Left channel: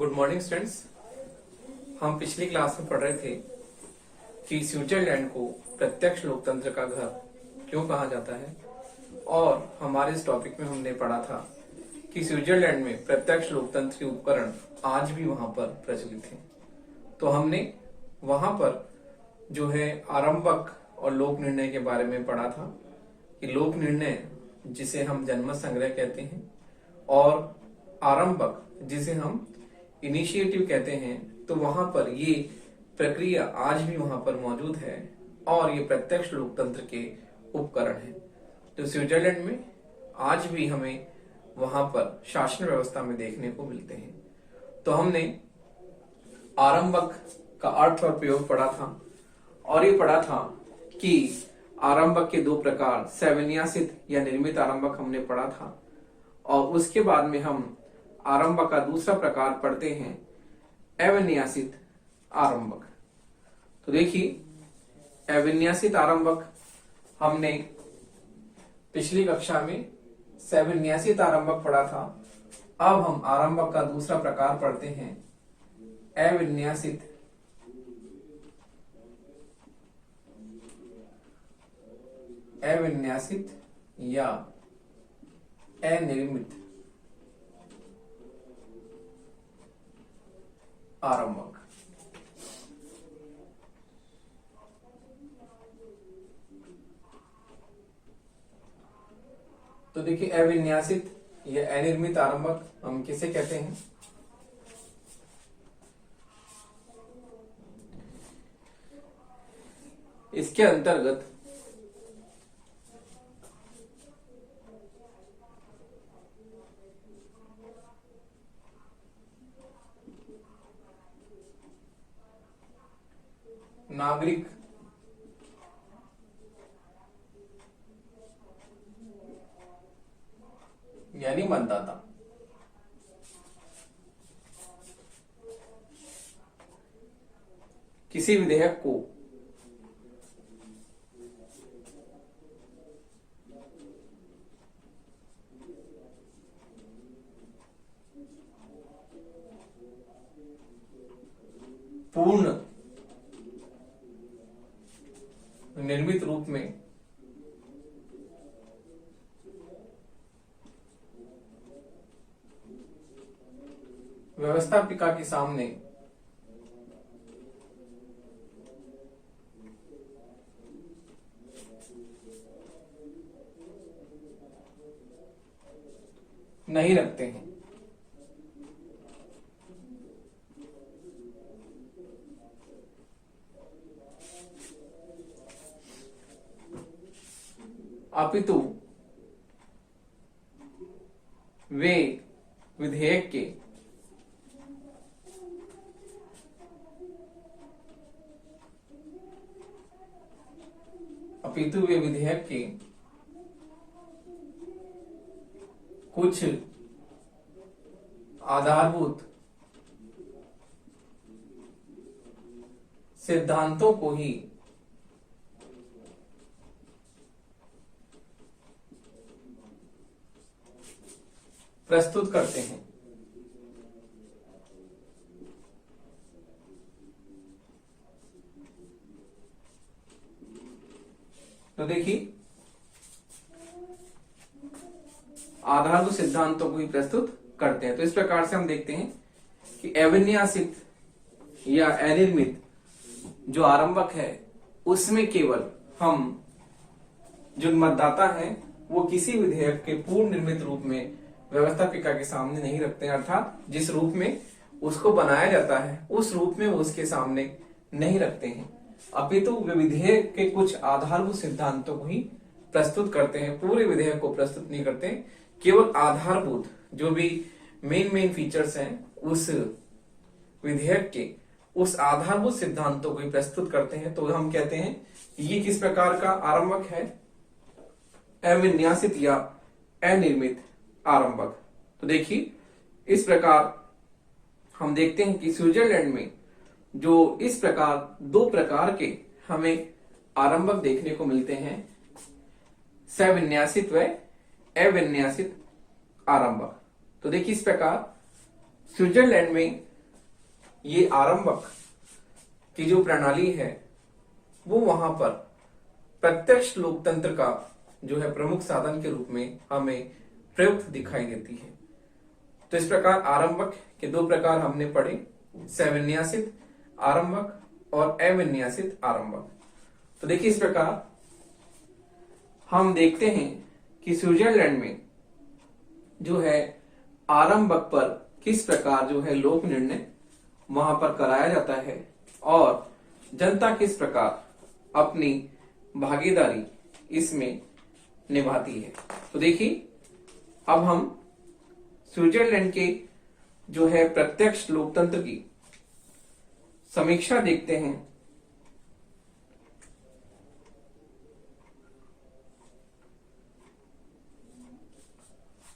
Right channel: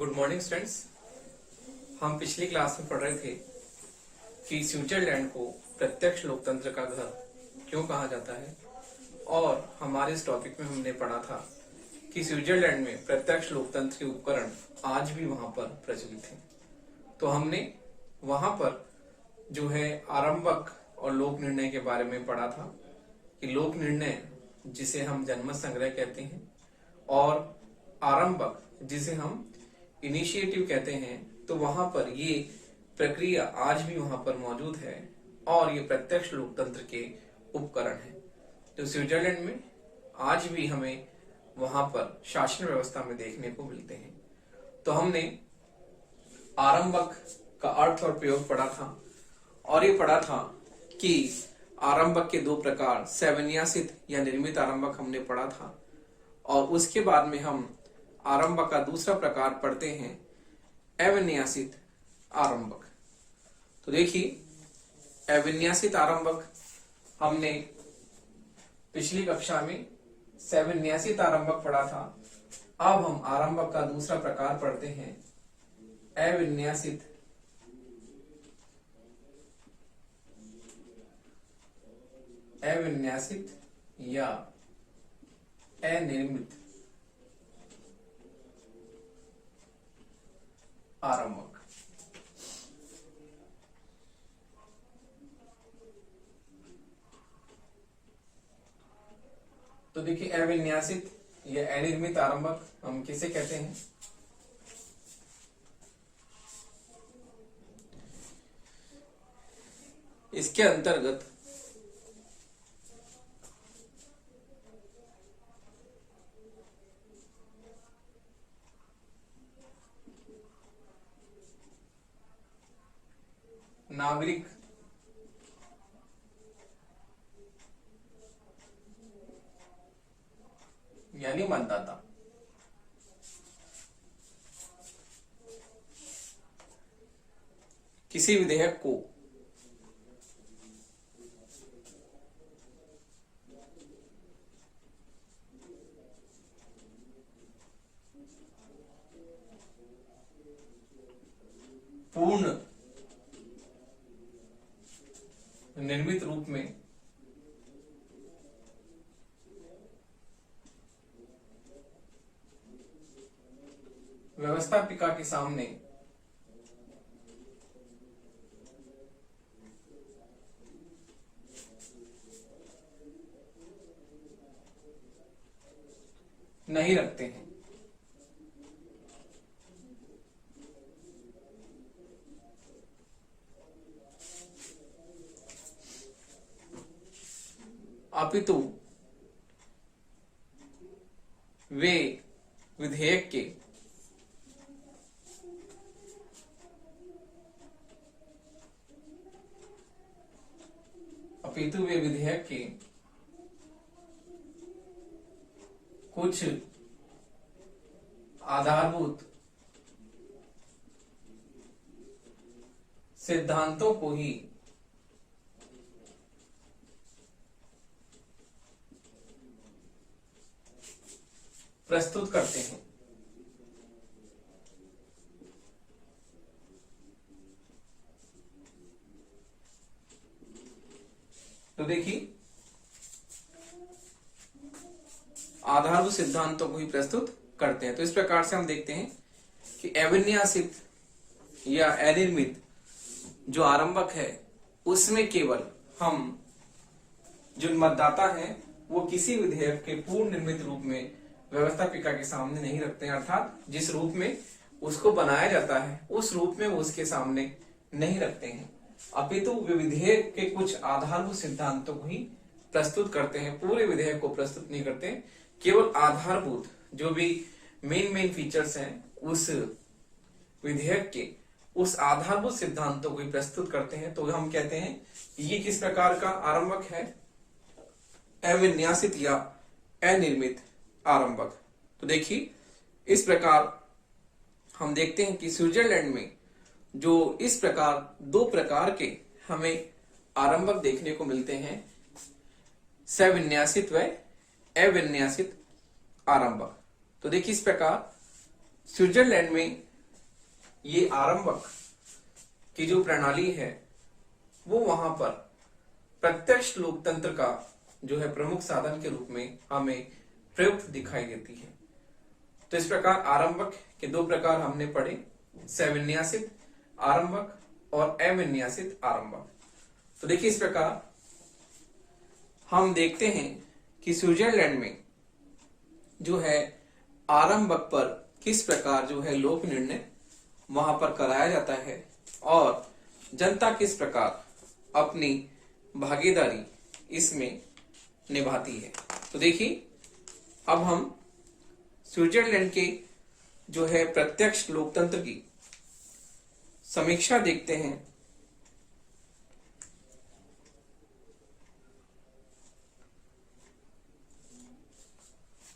Good morning students. हम पिछली class में पढ़ रहे थे कि स्विट्जरलैंड को प्रत्यक्ष लोकतंत्र का घर क्यों कहा जाता है, और हमारे इस टॉपिक में हमने पढ़ा था कि स्विट्जरलैंड में प्रत्यक्ष लोकतंत्र के उपकरण आज भी वहां पर प्रचलित हैं। तो हमने वहां पर जो है आरंभक और लोक निर्णय के बारे में पढ़ा था कि लोक निर्णय जिसे हम जनमत संग्रह कहते हैं और आरंभक जिसे हम इनिशिएटिव कहते हैं, तो वहां पर ये प्रक्रिया आज भी वहां पर मौजूद है और ये प्रत्यक्ष लोकतंत्र के उपकरण है। तो स्विट्जरलैंड में आज भी हमें वहां पर शासन व्यवस्था में देखने को मिलते हैं। तो हमने आरंभक का अर्थ और प्रयोग पढ़ा था और ये पढ़ा था कि आरंभक के दो प्रकार सविन्यासित या निर्मित आरंभक हमने पढ़ा था, और उसके बाद में हम आरंभक का दूसरा प्रकार पढ़ते हैं अविन्यासित आरंभक। तो देखिए अविन्यासित आरंभक हमने पिछली कक्षा में सविन्यासित आरंभक पढ़ा था। अब हम आरंभक का दूसरा प्रकार पढ़ते हैं अविन्यासित या अनिर्मित आरंभक। तो देखिए अविन्यासित या अनिर्मित आरंभक हम किसे कहते हैं? इसके अंतर्गत नागरिक यानी मतदाता किसी विधेयक को पूर्ण निर्मित रूप में व्यवस्थापिका के सामने नहीं रखते हैं। अपितु वे विधेयक के कुछ आधारभूत सिद्धांतों को ही प्रस्तुत करते हैं। तो देखिए आधारभूत सिद्धांतों को ही प्रस्तुत करते हैं। तो इस प्रकार से हम देखते हैं कि अविन्यासित या अनिर्मित जो आरंभक है उसमें केवल हम जो मतदाता हैं वो किसी विधेयक के पूर्ण निर्मित रूप में व्यवस्थापिका के सामने नहीं रखते हैं, अर्थात जिस रूप में उसको बनाया जाता है उस रूप में वो उसके सामने नहीं रखते हैं, अपितु वे विधेयक के कुछ आधारभूत सिद्धांतों को ही प्रस्तुत करते हैं। पूरे विधेयक को प्रस्तुत नहीं करते, केवल आधारभूत जो भी मेन फीचर्स हैं उस विधेयक के उस आधारभूत सिद्धांतों को ही प्रस्तुत करते हैं। तो हम कहते हैं ये किस प्रकार का आरंभक है? अविन्यासित या अनिर्मित आरंभक। तो देखिए इस प्रकार हम देखते हैं कि स्विट्जरलैंड में जो इस प्रकार दो प्रकार के हमें आरंभक देखने को मिलते हैं, सविन्यासित व अविन्यासित आरंभक। तो देखिए इस प्रकार स्विट्जरलैंड में ये आरंभक की जो प्रणाली है वो वहां पर प्रत्यक्ष लोकतंत्र का जो है प्रमुख साधन के रूप में हमें प्रयुक्त दिखाई देती है। तो इस प्रकार आरंभक के दो प्रकार हमने पढ़े, सविन्यासित आरंभक और अविन्यासित आरंभक। तो देखिए इस प्रकार हम देखते हैं कि स्विट्जरलैंड में जो है आरंभक पर किस प्रकार जो है लोक निर्णय वहां पर कराया जाता है और जनता किस प्रकार अपनी भागीदारी इसमें निभाती है। तो देखिए अब हम स्विट्जरलैंड के जो है प्रत्यक्ष लोकतंत्र की समीक्षा देखते हैं।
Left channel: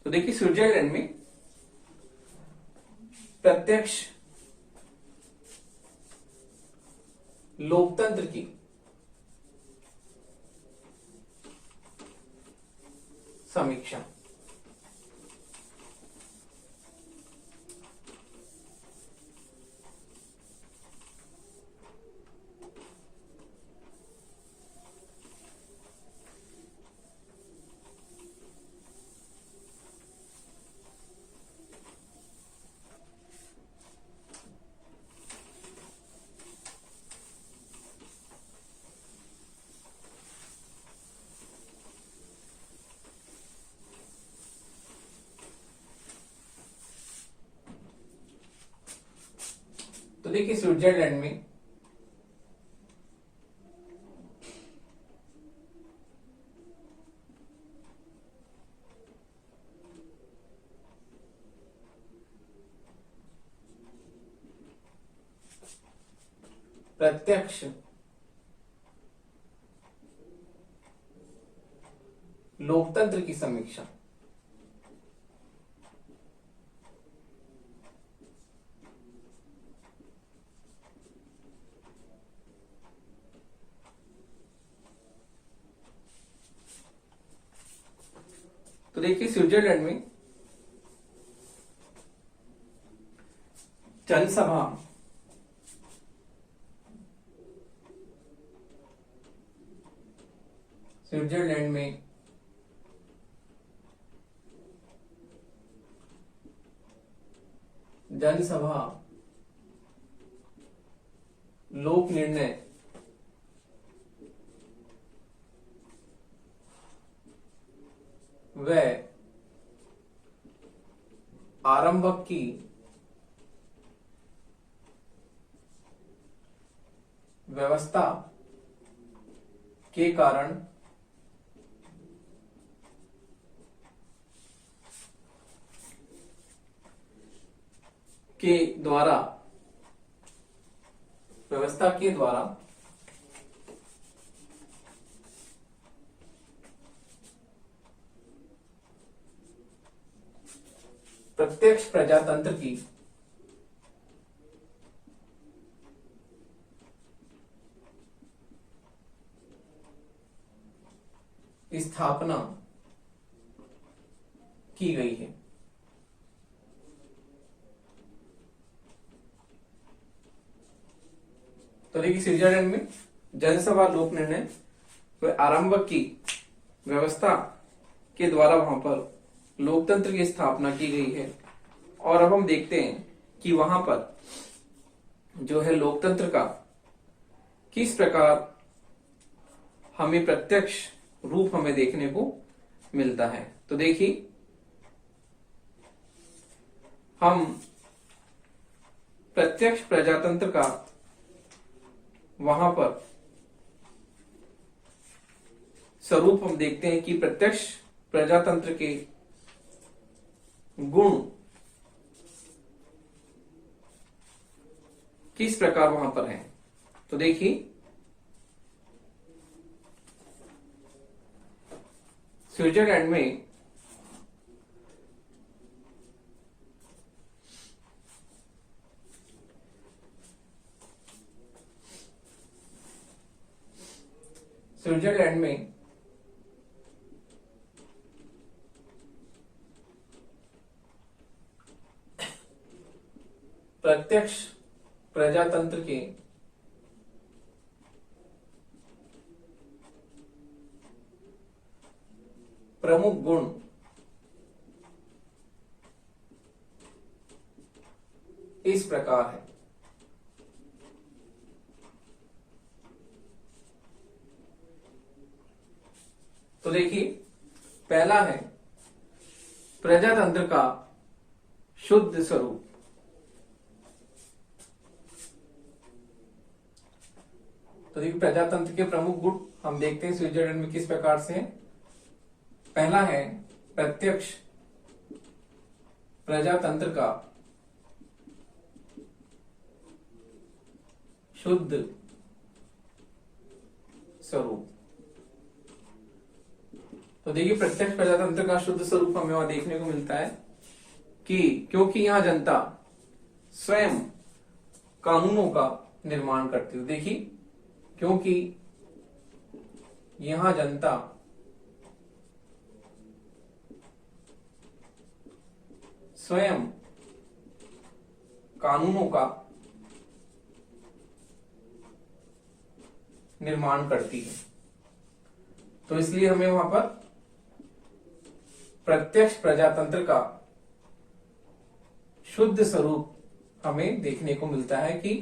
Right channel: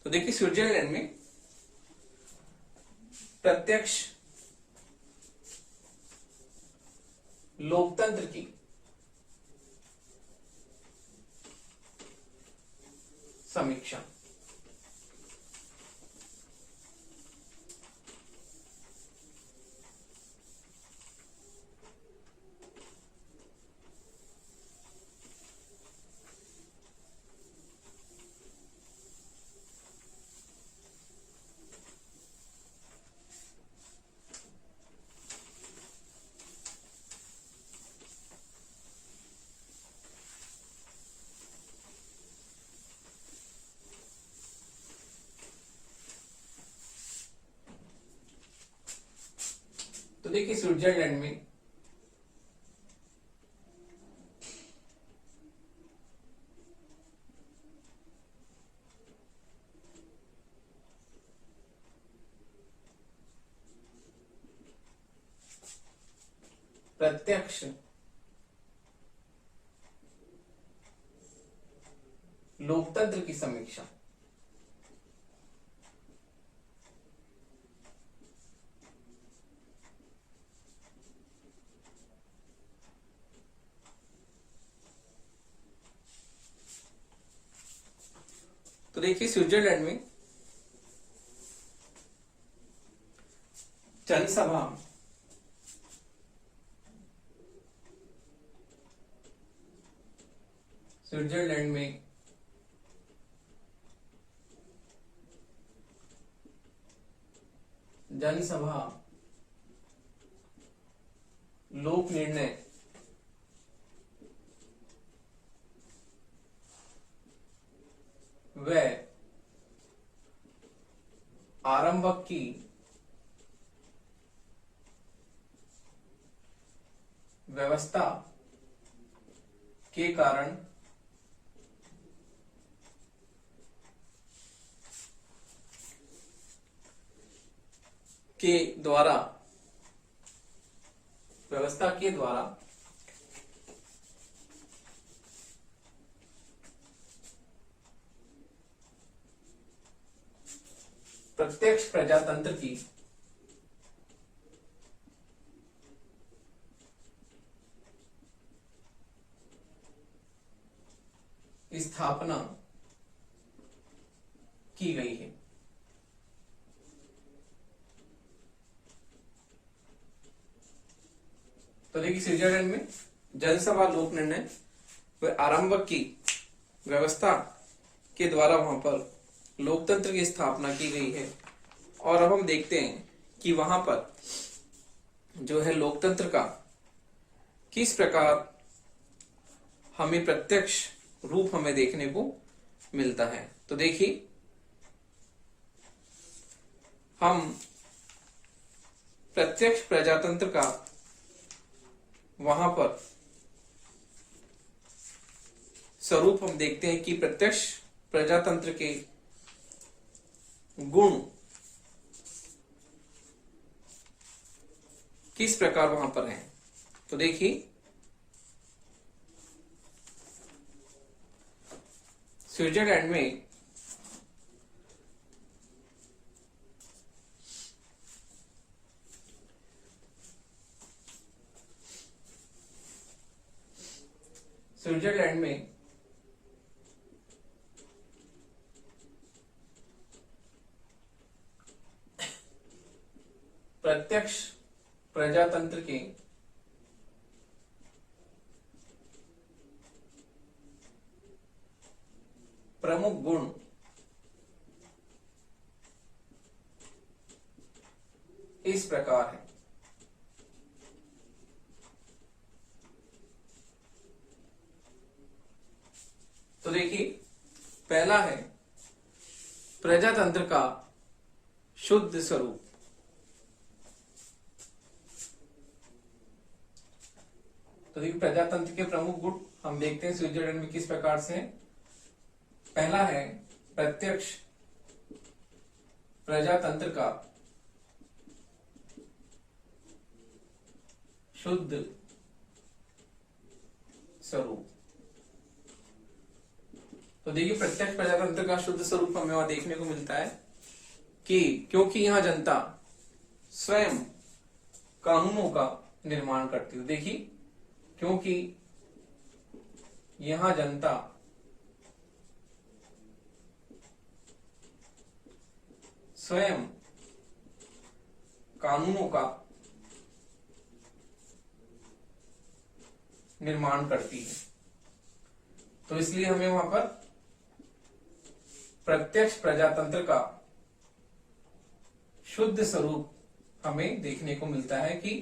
तो देखिए स्विट्जरलैंड में प्रत्यक्ष लोकतंत्र की समीक्षा। तो देखिए स्विट्जरलैंड में प्रत्यक्ष लोकतंत्र की समीक्षा। तो देखिए स्विट्जरलैंड में जनसभा स्विट्जरलैंड में जनसभा लोक निर्णय व आरंभक की व्यवस्था के कारण के द्वारा व्यवस्था के द्वारा प्रत्यक्ष प्रजातंत्र की स्थापना की गई है। तो देखिए स्विट्जरलैंड में जनसभा लोक निर्णय व आरंभक की व्यवस्था के द्वारा वहां पर लोकतंत्र की स्थापना की गई है। और अब हम देखते हैं कि वहां पर जो है लोकतंत्र का किस प्रकार हमें प्रत्यक्ष रूप हमें देखने को मिलता है। तो देखिए हम प्रत्यक्ष प्रजातंत्र का वहां पर स्वरूप हम देखते हैं कि प्रत्यक्ष प्रजातंत्र के गुण किस प्रकार वहां पर हैं। तो देखिए स्विट्जरलैंड में प्रत्यक्ष प्रजातंत्र के प्रमुख गुण इस प्रकार है। तो देखिए, पहला है प्रजातंत्र का शुद्ध स्वरूप। तो देखिए, प्रजातंत्र के प्रमुख गुण हम देखते हैं स्विट्जरलैंड में किस प्रकार से हैं। पहला है प्रत्यक्ष प्रजातंत्र का शुद्ध स्वरूप। तो देखिए, प्रत्यक्ष प्रजातंत्र का शुद्ध स्वरूप हमें वहां देखने को मिलता है कि क्योंकि यहां जनता स्वयं कानूनों का निर्माण करती है। देखिए, क्योंकि यहां जनता स्वयं कानूनों का निर्माण करती है, तो इसलिए हमें वहां पर प्रत्यक्ष प्रजातंत्र का शुद्ध स्वरूप हमें देखने को मिलता है कि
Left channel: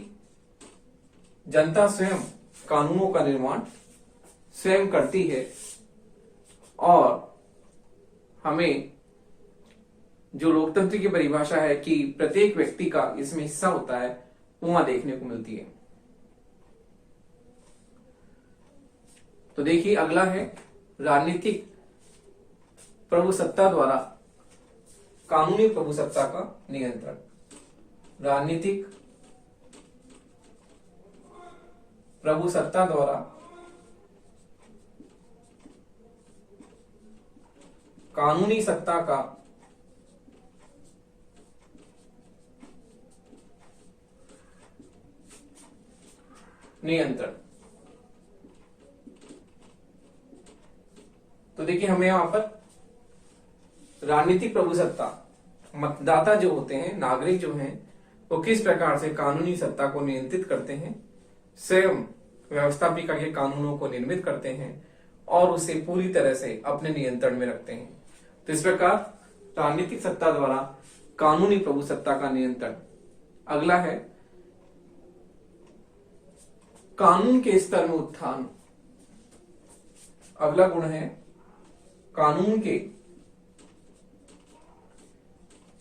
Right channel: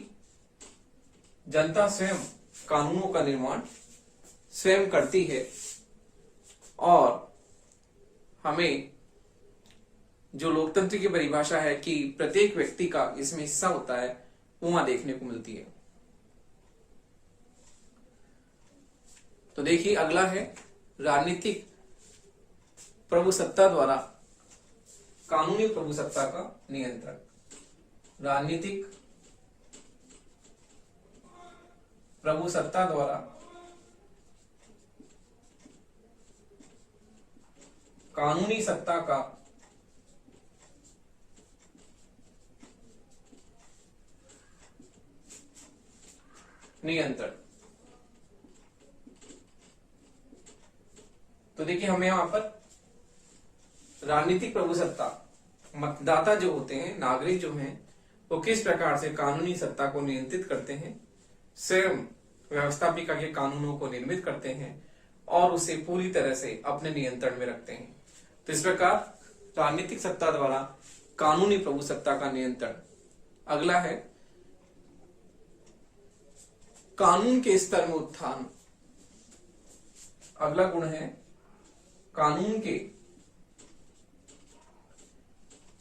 जनता स्वयं कानूनों का निर्माण स्वयं करती है और हमें जो लोकतंत्र की परिभाषा है कि प्रत्येक व्यक्ति का इसमें हिस्सा होता है, वो वहां देखने को मिलती है। तो देखिए, अगला है राजनीतिक प्रभुसत्ता द्वारा कानूनी प्रभुसत्ता का नियंत्रण। राजनीतिक प्रभुसत्ता द्वारा कानूनी सत्ता का नियंत्रण। तो देखिए, हमें यहां पर राजनीतिक प्रभुसत्ता, मतदाता जो होते हैं, नागरिक जो हैं, वो किस प्रकार से कानूनी सत्ता को नियंत्रित करते हैं, स्वयं व्यवस्थापिका के कानूनों को निर्मित करते हैं और उसे पूरी तरह से अपने नियंत्रण में रखते हैं। तो इस प्रकार राजनीतिक सत्ता द्वारा कानूनी प्रभुसत्ता का नियंत्रण। अगला है कानून के स्तर में उत्थान। अगला गुण है कानून के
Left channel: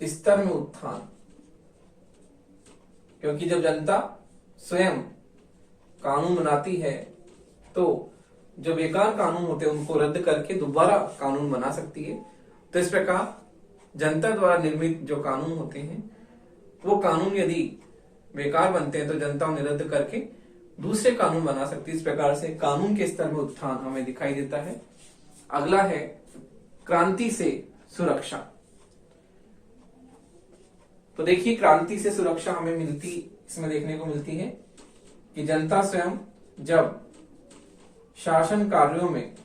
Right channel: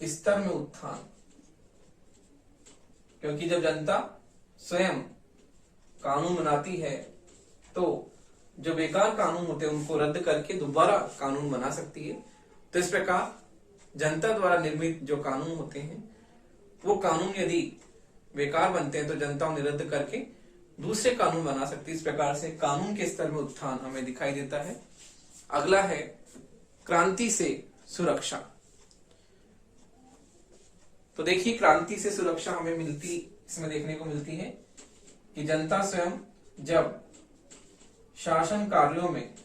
स्तर में उत्थान, क्योंकि जब जनता स्वयं कानून बनाती है तो जो बेकार कानून होते हैं उनको रद्द करके दोबारा कानून बना सकती है। तो इस प्रकार जनता द्वारा निर्मित जो कानून होते हैं, वो कानून यदि बेकार बनते हैं तो जनता उन्हें रद्द करके दूसरे कानून बना सकती है। इस प्रकार से कानून के स्तर में उत्थान हमें दिखाई देता है। अगला है क्रांति से सुरक्षा। तो देखिए, क्रांति से सुरक्षा हमें इसमें देखने को मिलती है कि जनता स्वयं जब शासन कार्यों में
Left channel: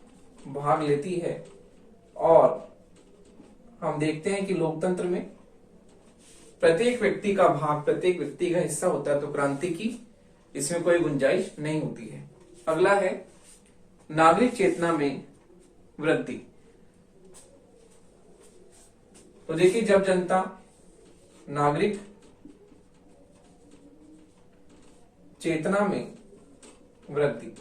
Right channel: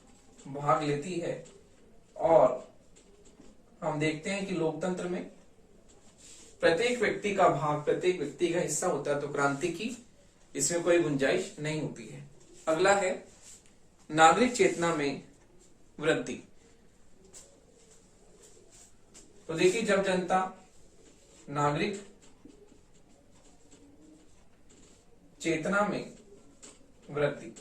भाग लेती है, और हम देखते हैं कि लोकतंत्र में प्रत्येक व्यक्ति का भाग, प्रत्येक व्यक्ति का हिस्सा होता है, तो क्रांति की इसमें कोई गुंजाइश नहीं होती है। अगला है नागरिक चेतना में वृद्धि। तो देखिए, जब जनता नागरिक चेतना में वृद्धि,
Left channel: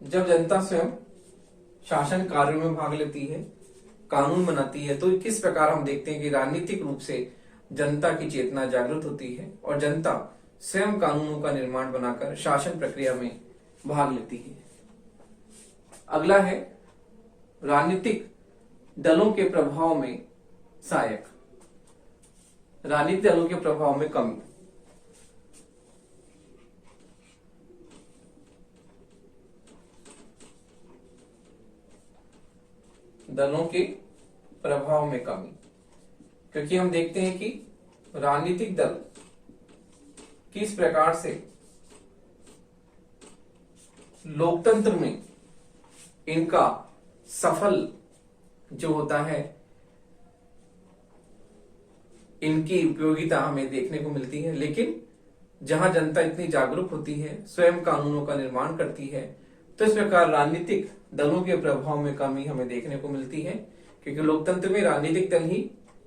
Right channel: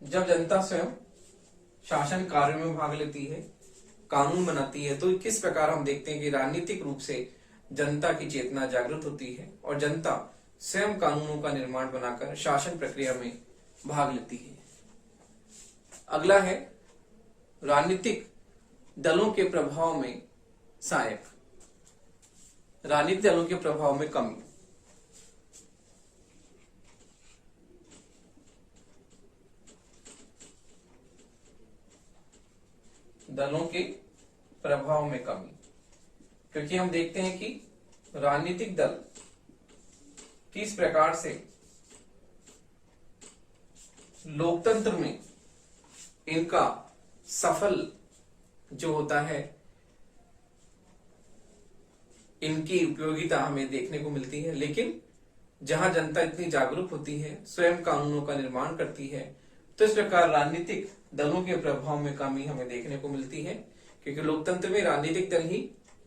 जब जनता स्वयं शासन कार्यों में भाग लेती है, कानून बनाती है, तो किस प्रकार हम देखते हैं कि राजनीतिक रूप से जनता की चेतना जागृत होती है और जनता स्वयं कानूनों का निर्माण बनाकर शासन प्रक्रिया में भाग लेती है। अगला है राजनीतिक दलों के प्रभाव में सहायक। राजनीतिक दलों के प्रभाव में कमी। दलों के प्रभाव में कमी, क्योंकि हम देखते हैं कि राजनीतिक दल किस प्रकार से लोकतंत्र में इनका सफल जो होता है इनकी उपयोगिता हमें देखने को मिलती है, लेकिन जहां जनता इतनी जागरूक होती है, स्वयं कानूनों का निर्माण करती है, तो इस प्रकार राजनीतिक दलों के प्रभाव में कमी हमें देखने को मिलती है। क्योंकि लोकतंत्र में राजनीतिक दल ही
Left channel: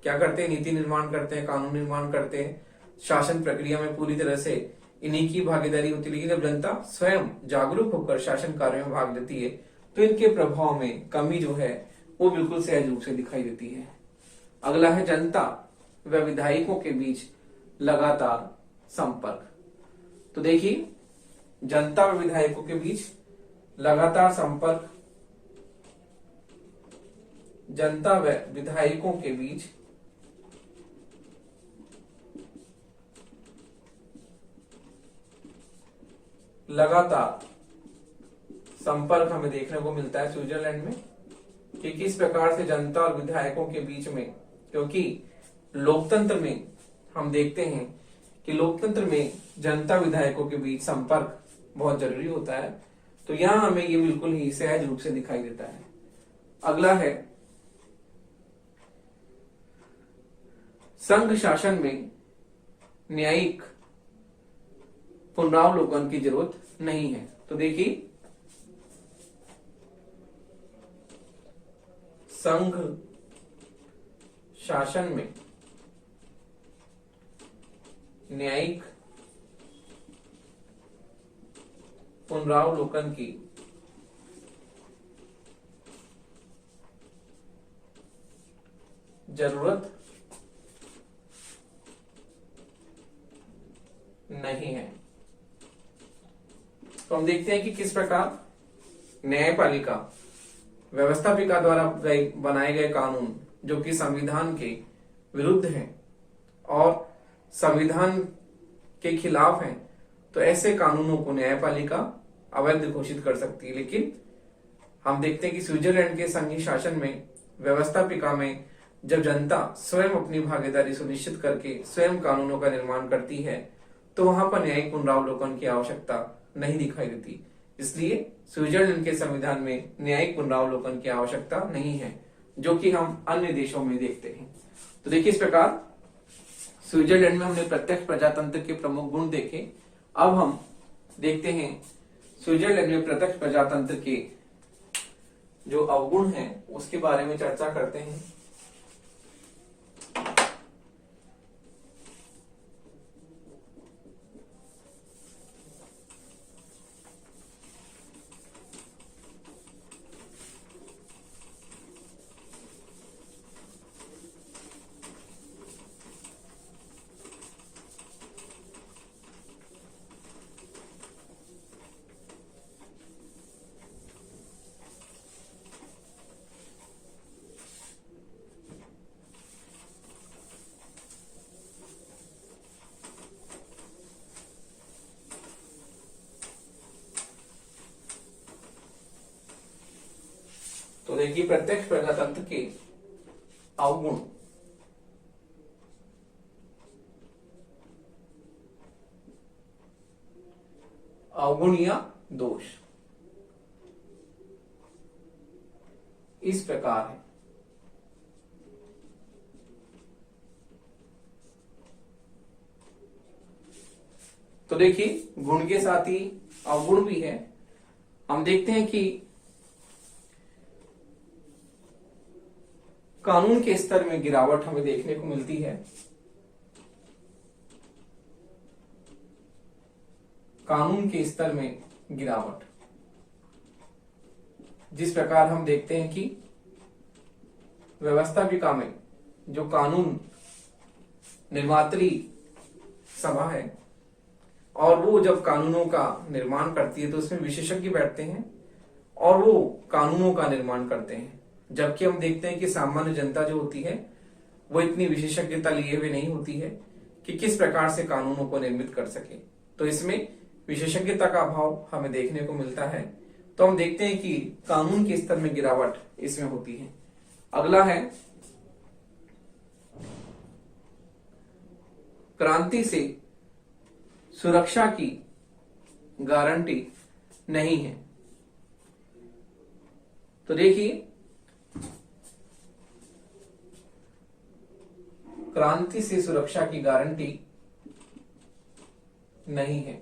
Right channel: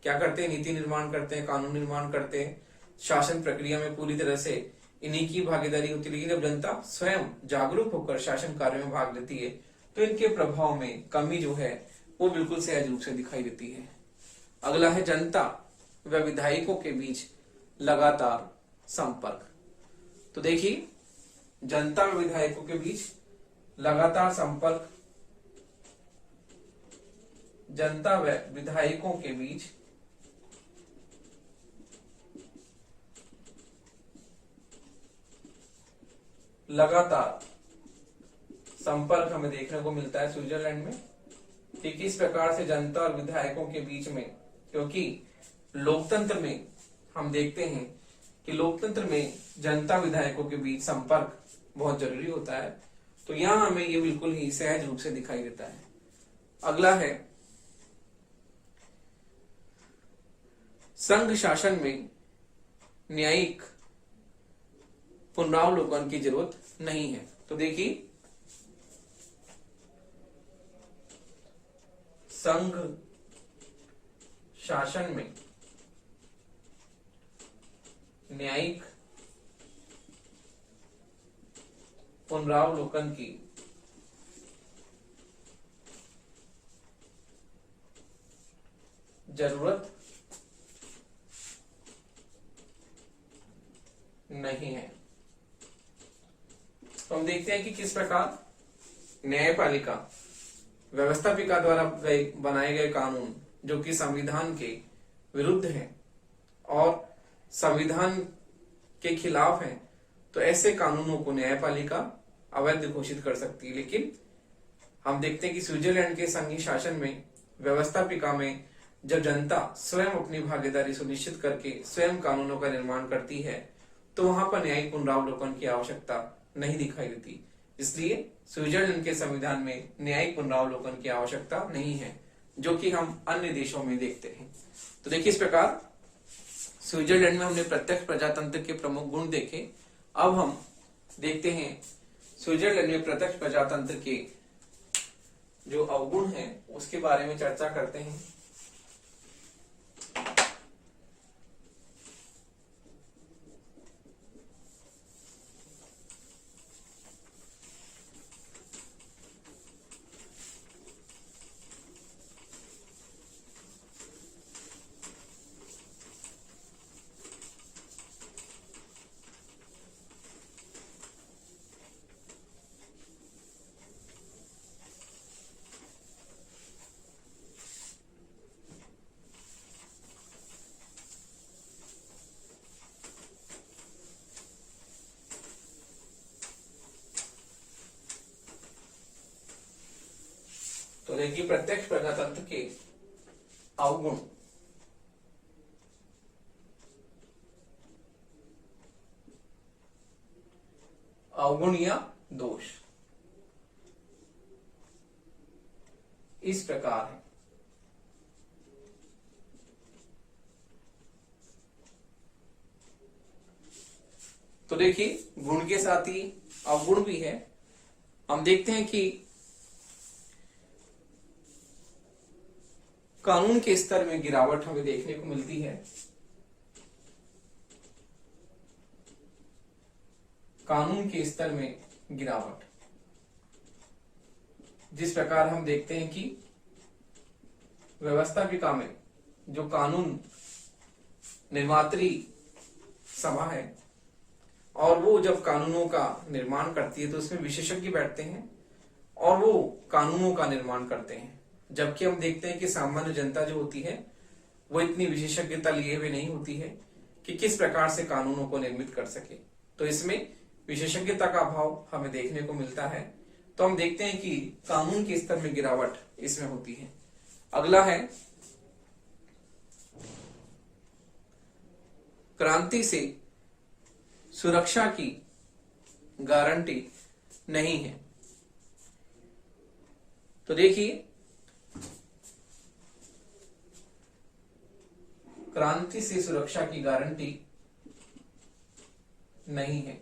क्या करते हैं, नीति निर्माण करते हैं, कानून निर्माण करते हैं, शासन प्रक्रिया में पूरी तरह से इन्हीं की भागीदारी होती है। लेकिन जब जनता स्वयं जागरूक होकर शासन कार्य में भाग लेती है, तो इनके प्रभाव में कमी जो है वो बिल्कुल सहज रूप से दिखाई देती है। अगला है जनता व विधायकों के बीच लगातार संपर्क। तो देखिए, जनता व विधायकों के बीच लगातार संपर्क, जनता व विधायकों के बीच लगातार संपर्क हमें देखने को मिलता है स्विट्जरलैंड में कि किस प्रकार से जनता और विधायकों के बीच में, क्योंकि लोकतंत्र में हम देखते हैं कि लोकतंत्र में जनता विधायकों के बीच संपर्क बहुत जरूरी होता है। तो यहां हमें ये बिल्कुल ही सहज रूप से दिखाई देता है। अगला है संघ शासन में न्यायिक पुनरावलोकन की जरूरत नहीं है। तो देखिए, संघ शासन में न्यायिक पुनरावलोकन की जरूरत नहीं है। तो हम देखते हैं कि किस प्रकार न्यायपालिका व्यवस्थापिका द्वारा बनाए गए कानून जो कि संविधान के विरुद्ध हैं और संविधान के खिलाफ हैं, तो ऐसे कानूनों को न्यायपालिका अवैध घोषित कर सकती है। लेकिन हम देखते हैं कि स्विट्जरलैंड के संघीय शासन में व्यवस्थापिका में जब जनता स्वयं अपनी भागीदारी सुनिश्चित करके स्वयं कानूनों का निर्माण करती है, तो वहां पर न्यायिक पुनरावलोकन की आवश्यकता नहीं दिखाई देती। इसलिए स्विट्जरलैंड के संविधान में न्यायिक पुनरावलोकन की आवश्यकता नहीं है, जो कि हम अन्य देशों में देखते हैं। तो देखिए, इस प्रकार स्विट्जरलैंड में हमने प्रत्यक्ष प्रजातंत्र के प्रमुख गुण देखे। अब हम देखते हैं स्विट्जरलैंड में प्रत्यक्ष प्रजातंत्र के जो अवगुण हैं उसके बारे में चर्चा करते हैं। तो देखिए, प्रत्यक्ष प्रजातंत्र के अवगुण। अवगुण या दोष इस प्रकार है। तो देखिए, गुण के साथ ही अवगुण भी है। हम देखते हैं कि कानून के स्तर में गिरावट हमें देखने को मिलती है। कानून के स्तर में गिरावट, जिस प्रकार हम देखते हैं कि व्यवस्थापिका में जो कानून निर्मात्री सभा है और वो जब कानूनों का निर्माण करती है तो उसमें विशेषज्ञ बैठते हैं और वो कानूनों का निर्माण करते हैं। जबकि हम देखते हैं कि सामान्य जनता जो होती है वो इतनी विशेषज्ञता लिए हुए नहीं होती है कि किस प्रकार से कानूनों को निर्मित कर सके। तो इसमें विशेषज्ञता का अभाव हमें देखने को मिलता है। तो हम देखते हैं कि कानून के स्तर में गिरावट इसमें होती है। अगला है क्रांति से सुरक्षा की गारंटी नहीं है। तो देखिए, क्रांति से सुरक्षा की गारंटी नहीं है।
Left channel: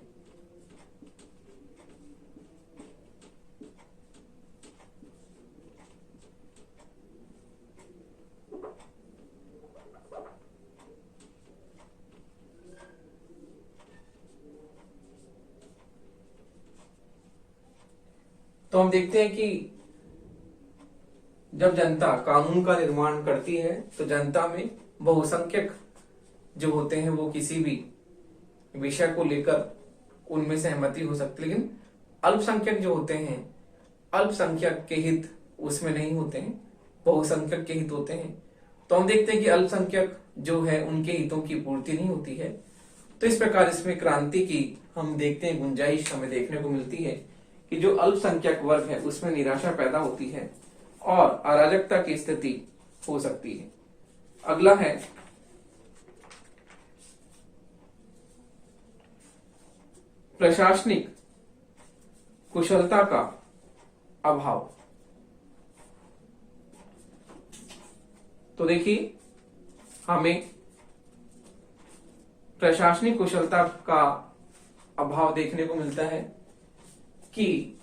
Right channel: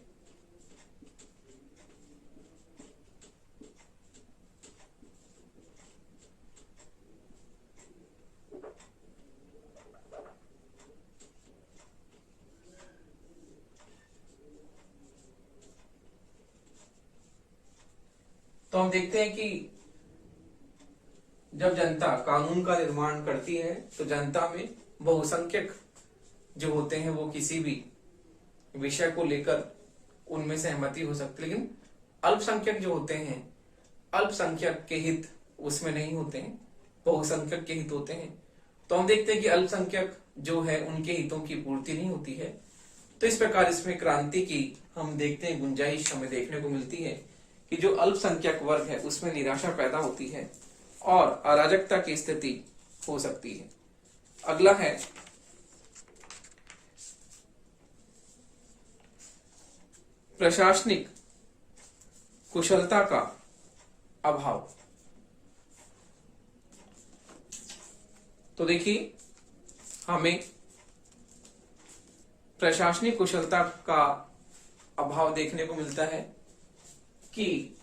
तो हम देखते हैं कि जब जनता कानून का निर्माण करती है तो जनता में बहुसंख्यक जो होते हैं वो किसी भी विषय को लेकर उनमें सहमति हो सकती है, लेकिन अल्पसंख्यक जो होते हैं, अल्पसंख्यक के हित उसमें नहीं होते हैं, बहुसंख्यक के हित होते हैं। तो हम देखते हैं कि अल्पसंख्यक जो है उनके हितों की पूर्ति नहीं होती है। तो इस प्रकार इसमें क्रांति की हम देखते हैं गुंजाइश हमें देखने को मिलती है कि जो अल्पसंख्यक वर्ग है उसमें निराशा पैदा होती है और अराजकता की स्थिति हो सकती है। अगला है प्रशासनिक कुशलता का अभाव। तो देखिए हमें प्रशासनिक कुशलता का अभाव देखने को मिलता है कि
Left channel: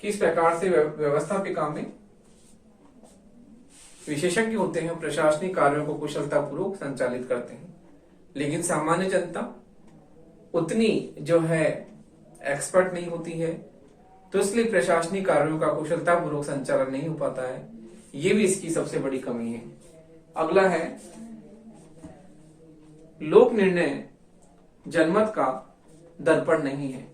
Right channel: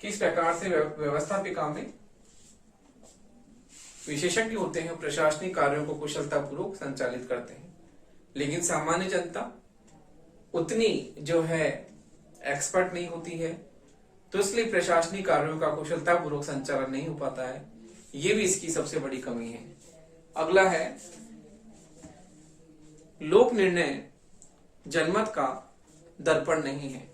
किस प्रकार से व्यवस्थापिका में विशेषज्ञ होते हैं, प्रशासनिक कार्यों को कुशलतापूर्वक संचालित करते हैं, लेकिन सामान्य जनता उतनी जो है एक्सपर्ट नहीं होती है, तो इसलिए प्रशासनिक कार्यों का कुशलतापूर्वक संचालन नहीं हो पाता है। ये भी इसकी सबसे बड़ी कमी है। अगला है लोक निर्णय जनमत का दर्पण नहीं है।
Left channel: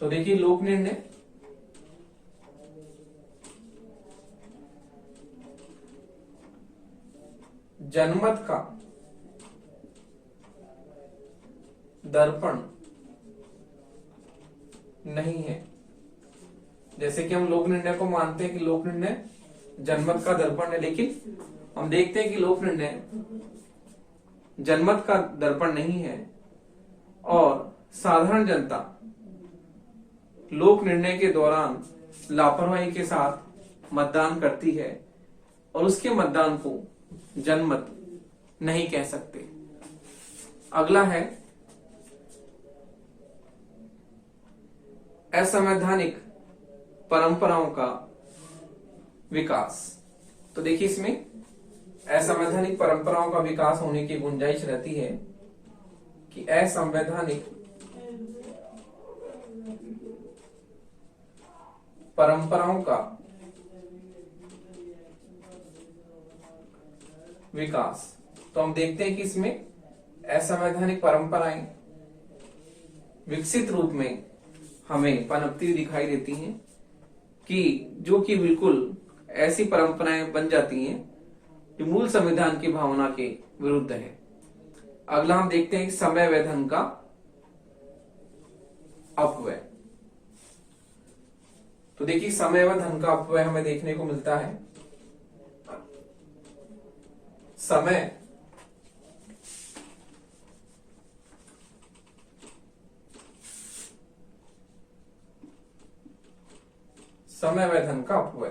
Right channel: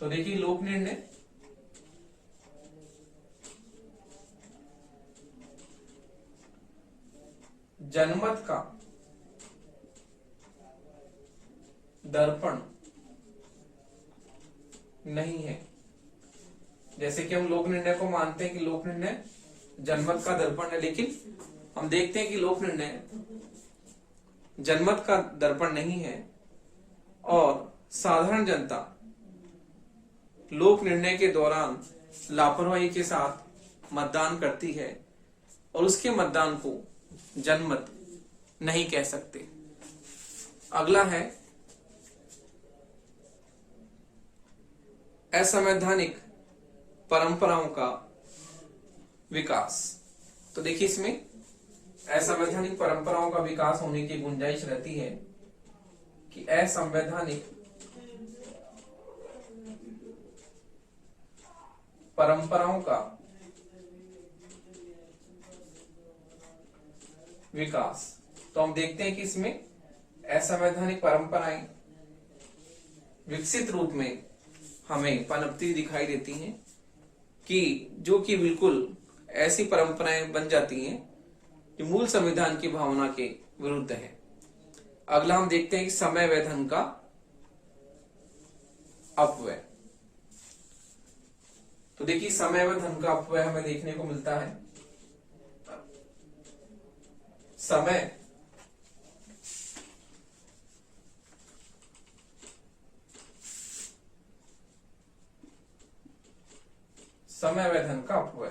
तो देखिए लोक निर्णय जनमत का दर्पण नहीं है। जैसे कि हम लोक निर्णय को मानते हैं कि लोक निर्णय जनमत का दर्पण है, लेकिन हम देखते हैं कि लोक निर्णय जनमत का दर्पण नहीं है और साधारण जनता लोक निर्णय के दौरान लापरवाही के साथ मतदान करती है और उसके मतदान को जनमत नहीं कह सकते। अगला है असंवैधानिक परंपराओं का विकास। तो देखिए इसमें असंवैधानिक परंपराओं का विकास होने की गुंजाइश रहती है कि असंवैधानिक परंपराओं का विकास। तो हम देखते हैं कि इसमें असंवैधानिक परंपराएं विकसित रूप में हमें पनपती दिखाई देती हैं कि जो कि बिल्कुल ऐसी परंपराएं बन जाती हैं जो मूल संविधान की भावना के विरुद्ध है। अगला हम देखते हैं कि समय व धन का अपव्यय। तो देखिए समय व धन का अपव्यय हमें देखने को मिलता है। समय व धन का अपव्यय।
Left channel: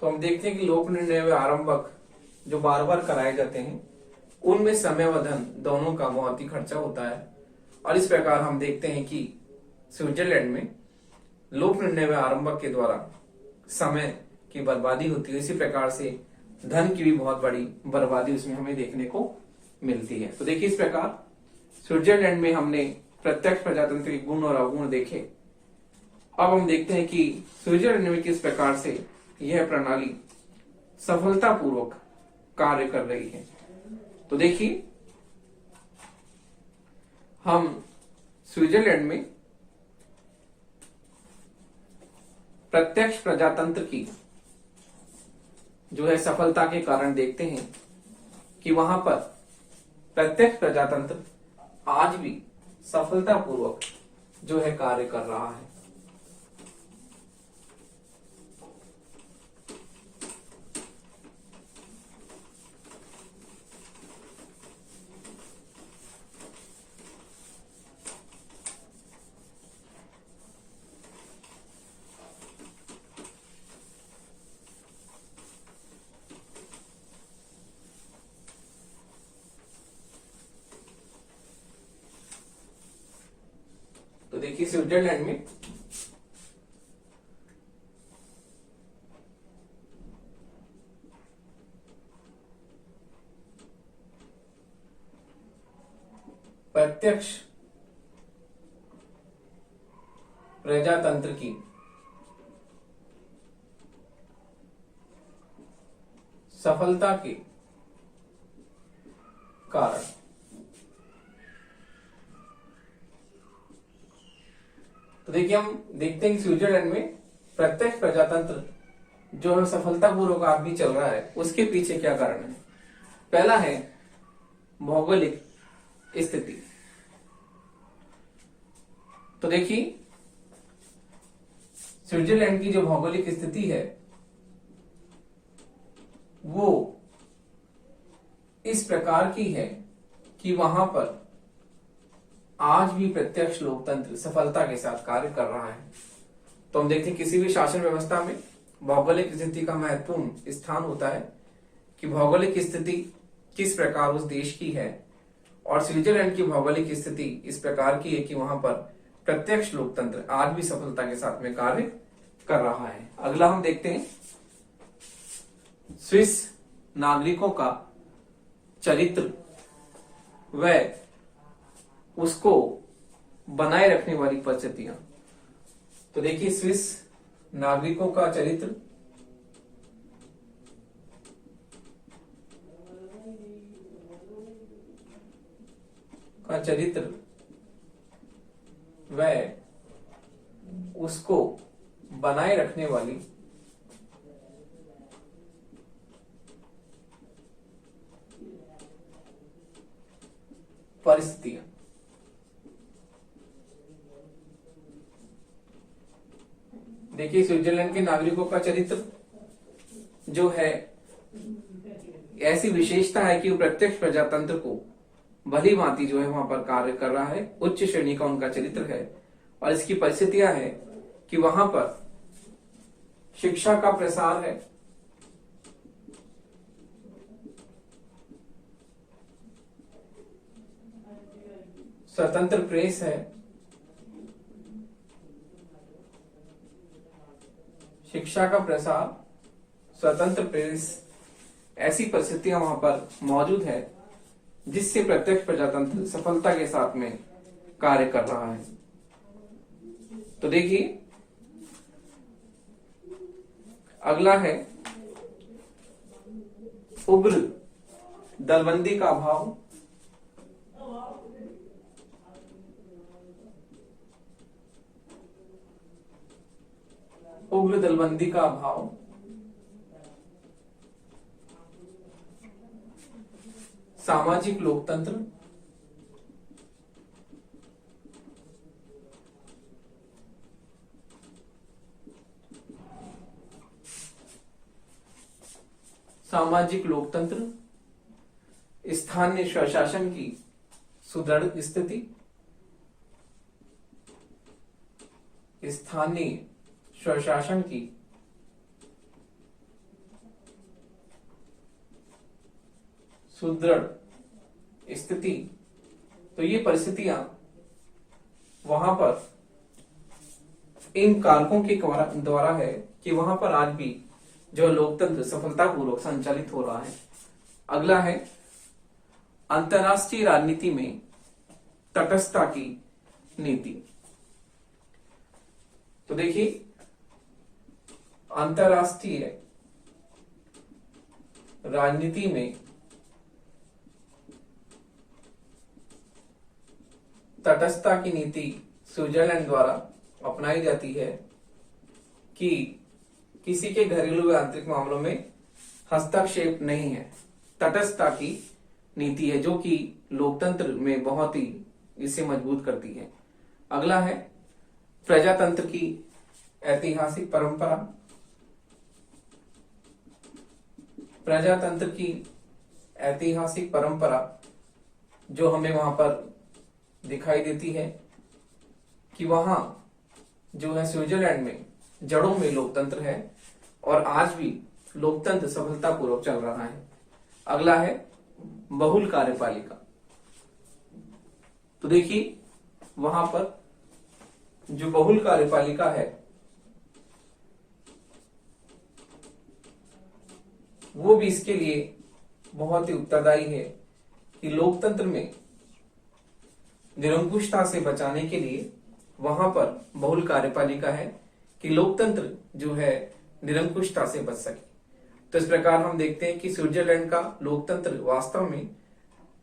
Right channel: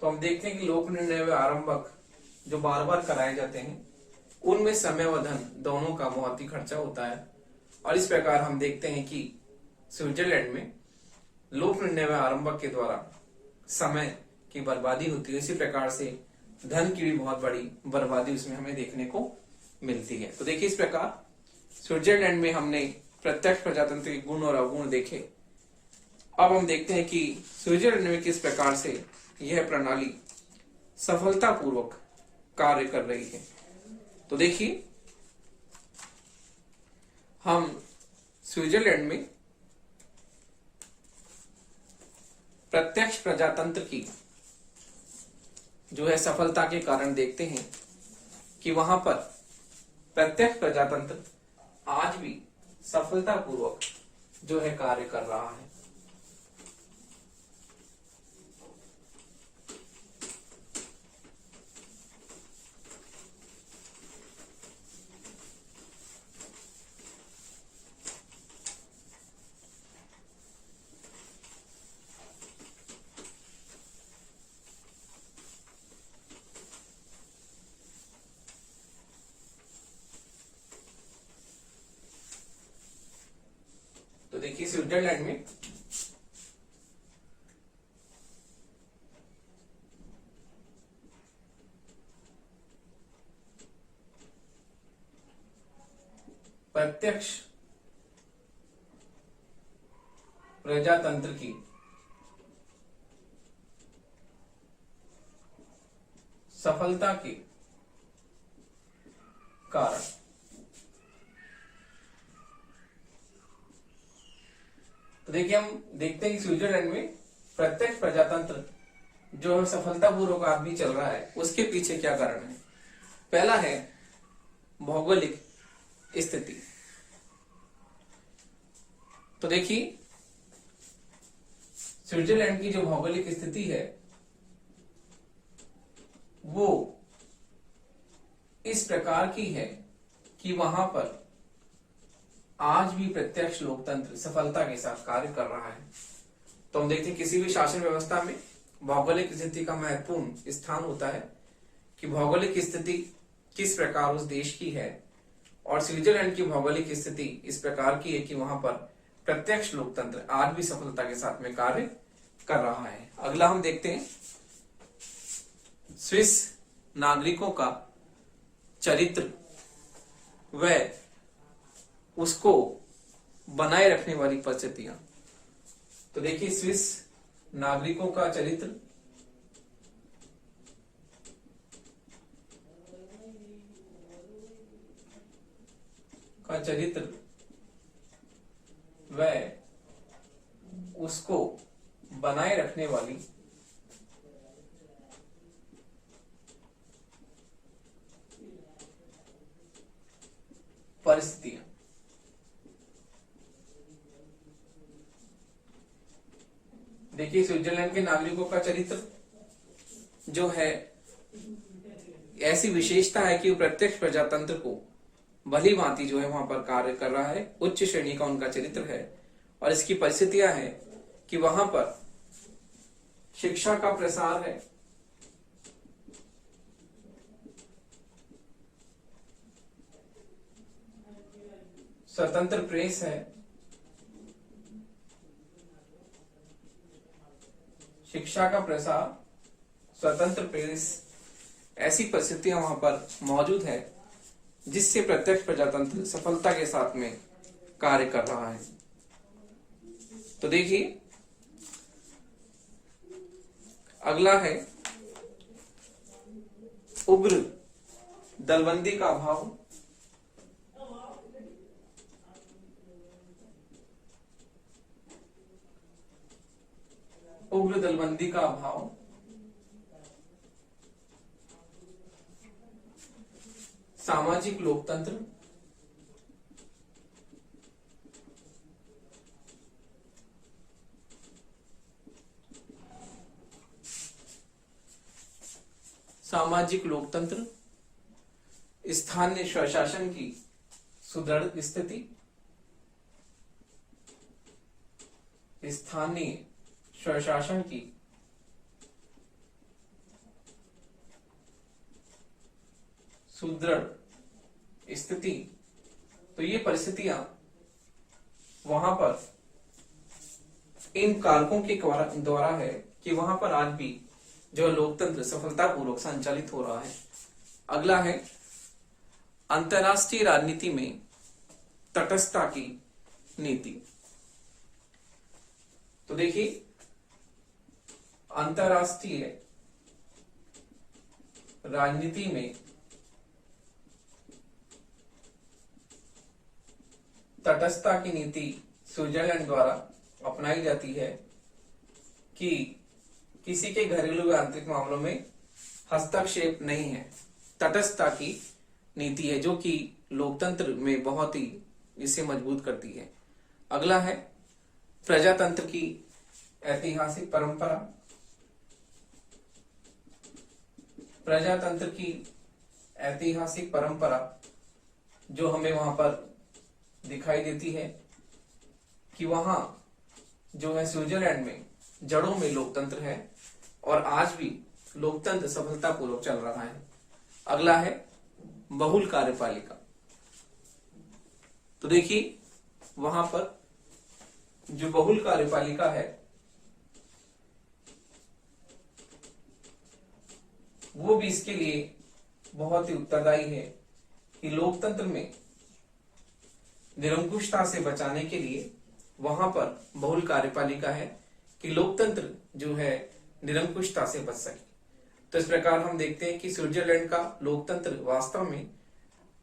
तो हम देखते हैं कि लोक निर्णय व आरंभक जो बार बार कराए जाते हैं उनमें समय व धन दोनों का बहुत ही खर्चा होता है और इस प्रकार हम देखते हैं कि स्विट्जरलैंड में लोक निर्णय व आरंभक के द्वारा समय की बर्बादी होती है, इसी प्रकार से धन की भी बहुत बड़ी बर्बादी उसमें हमें देखने को मिलती है। तो देखिए इस प्रकार स्विट्जरलैंड में हमने प्रत्यक्ष प्रजातंत्र के गुण और अवगुण देखे। अब हम देखते हैं कि स्विट्जरलैंड में किस प्रकार से यह प्रणाली सफलतापूर्वक कार्य कर रही है। तो देखिए हम स्विट्जरलैंड में प्रत्यक्ष प्रजातंत्र की जो है सफलता के कारण देखते हैं कि वहां पर प्रत्यक्ष प्रजातंत्र आज भी सफलतापूर्वक जो है कार्य कर रहा है। तो देखिए स्विट्जरलैंड में प्रत्यक्ष प्रजातंत्र की सफलता के कारण तो देखिए हम देखते हैं कि स्विट्जरलैंड में प्रत्यक्ष प्रजातंत्र जो है सफलतापूर्वक आदमी चल रहा है, उसके पीछे क्या कारण है। पहला है भौगोलिक स्थिति। तो देखिए स्विट्जरलैंड की जो भौगोलिक स्थिति है वो इस प्रकार की है कि वहां पर आज भी प्रत्यक्ष लोकतंत्र सफलता के साथ कार्य कर रहा है। तो हम देखते हैं किसी भी शासन व्यवस्था में भौगोलिक स्थिति का महत्वपूर्ण स्थान होता है कि भौगोलिक स्थिति किस प्रकार उस देश की है, और स्विट्जरलैंड की भौगोलिक स्थिति इस प्रकार की है कि वहां पर प्रत्यक्ष लोकतंत्र आज भी सफलता के साथ में कार्य कर रहा है। अगला हम देखते हैं स्विस नागरिकों का चरित्र व उसको बनाए रखने वाली परिस्थितियां। तो देखिए स्विस नागरिकों का चरित्र व उसको बनाए रखने वाली परिस्थितियां। देखिए स्विट्जरलैंड के नागरिकों का चरित्र जो है ऐसी विशेषता है कि वो प्रत्यक्ष प्रजातंत्र को भली भांति जो है वहां पर कार्य कर रहा है, उच्च श्रेणी का उनका चरित्र है। और इसकी परिस्थितियां है कि वहां पर शिक्षा का प्रसार है, स्वतंत्र प्रेस है, शिक्षा का प्रसार, स्वतंत्र प्रेस, ऐसी परिस्थितियां वहां पर मौजूद है जिससे प्रत्यक्ष प्रजातंत्र सफलता के साथ में कार्य कर रहा है। तो देखिए अगला है उग्र दलबंदी का अभाव। उग्र दलबंदी का अभाव, सामाजिक लोकतंत्र, सामाजिक लोकतंत्र, स्थानीय स्वशासन की सुदृढ़ स्थिति, स्थानीय स्वशासन की सुदृढ़ स्थिति। तो ये परिस्थितियां वहां पर इन कारकों के द्वारा है कि वहां पर आज भी जो लोकतंत्र सफलतापूर्वक संचालित हो रहा है। अगला है अंतर्राष्ट्रीय राजनीति में तटस्थता की नीति। तो देखिए अंतर्राष्ट्रीय राजनीति में तटस्थता की नीति स्विट्जरलैंड द्वारा अपनाई जाती है कि किसी के घरेलू व आंतरिक मामलों में हस्तक्षेप नहीं है। तटस्थता की नीति है जो कि लोकतंत्र में बहुत ही इसे मजबूत करती है। अगला है प्रजातंत्र की ऐतिहासिक परंपरा। प्रजातंत्र की ऐतिहासिक परंपरा जो हमें वहां पर दिखाई देती है कि वहां जो है स्विट्जरलैंड में जड़ों में लोकतंत्र है और आज भी लोकतंत्र सफलतापूर्वक चल रहा है। अगला है बहुल कार्यपालिका। तो देखिए वहां पर जो बहुल कार्यपालिका है वो भी इसके लिए बहुत ही उत्तरदायी है कि लोकतंत्र में निरंकुशता से बचाने के लिए वहां पर बहुल कार्यपालिका है कि लोकतंत्र जो है निरंकुशता से बच सके। तो इस प्रकार हम देखते हैं कि स्विट्जरलैंड का लोकतंत्र वास्तव में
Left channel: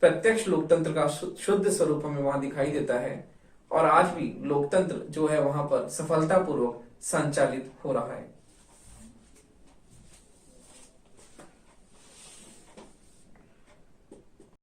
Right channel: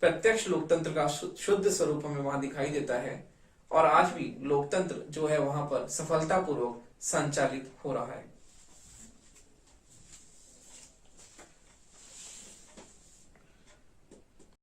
प्रत्यक्ष लोकतंत्र का शुद्ध स्वरूप हमें वहां दिखाई देता है और आज भी लोकतंत्र जो है वहां पर सफलतापूर्वक संचालित हो रहा है।